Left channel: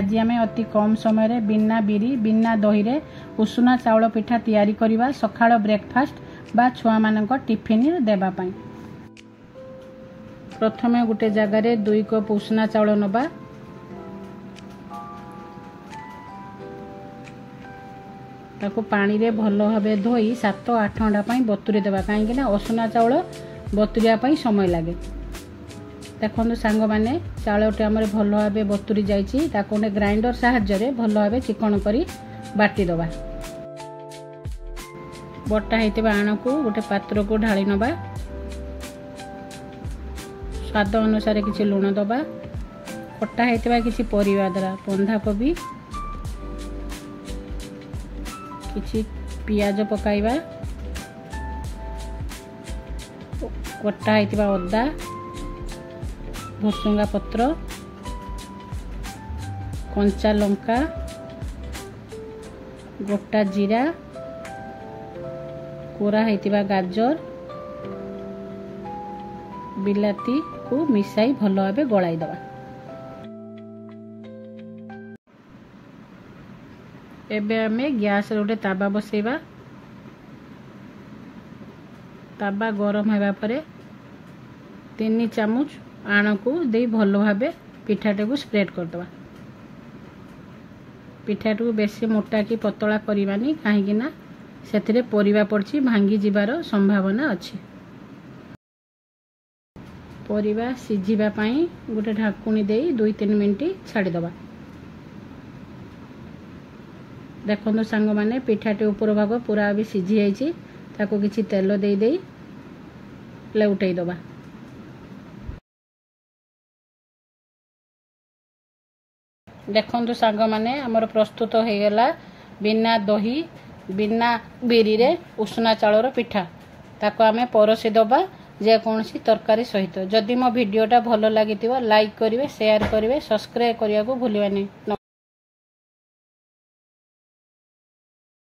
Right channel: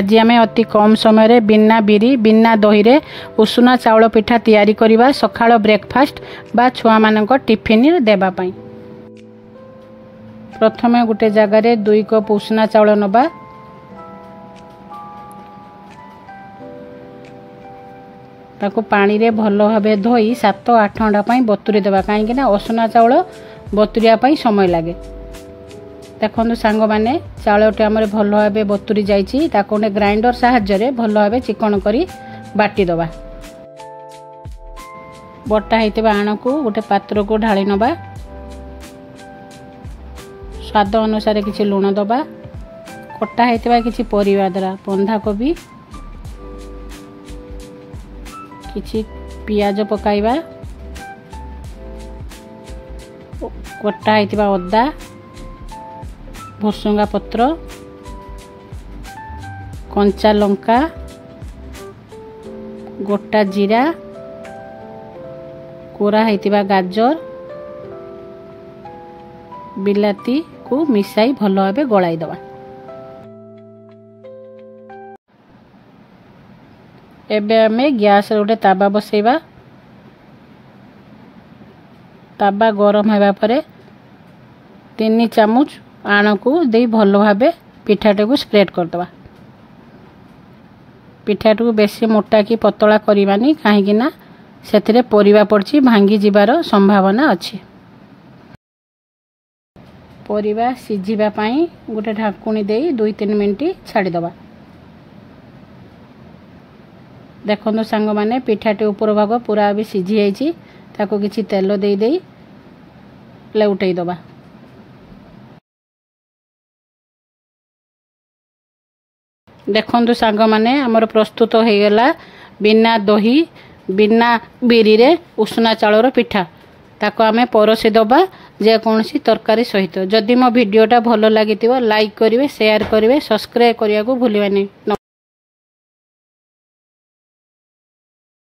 आज आम अति कम समय बिना बिरी बिना दही रे उषुना चाउल पिठा तैयारी करवा सकाळ ब्रेकफास्ट बा छुआ मानक टिफिन देबा पई। प्रथमे गोटे जगार 2 कप उषुना चाउल नबा। ताको पानी रे भलो भाबे धोई 7-8 घंटा पई बतुरी देबा काहेकि ना उषुना चाउल बतुरिया पई समय लागे। देखो सांग माने चाउलटे आमर भल भाव बतुरी जाइए ताको ग्राइंडर साहाय्य भल भाव चिकन करी बाटी दबा। बटा होता आण को गोटे पात्र को ढाली नबा। स्वाद अनुसार किसी लुण दबा। कटा होता किसी परिवा द्वारा बंधा कोबी किसी पियाज पकाइबा। कटा होता अदा भुसुंगा पत्र कंचा लंका गोटा जीरा कोरा होता गाजर बिलाती को मिसाई भल भाव गलाई दबा। एबे आमे गैस गोटे ताबा बसैबा। ताबा गरम होगा परे 3 चामच आण को दे भल भाव पिठाटे को स्प्रेड करदबा। पिठाटे को बेसी मोटा कि पतला करवानी कहीं ना से परिवा पड़ची भांगी जीवार संभावना अच्छी। परिवा सिझिबा पई गोटे ढाकुणी दे 2-3 मिनिट छाड़ीदबा। देखो सांग माने पिठाटे ऊपर भाग पूरा भी सिझी जाइए। ताको किसी तेल दे दे उठे दबा। देखो सांग माने आमर प्रस्तुत हो गला बिना दही बिना बिरी रे उषुना चाउलर पिठा। ताको आमे परोसी दबा जेकोसी तरकारी सहित। जदि मो वीडियोटा भल लगी लाइक करेंगे शेयर करेंगे सब्सक्राइब करने को भूलिए नहीं।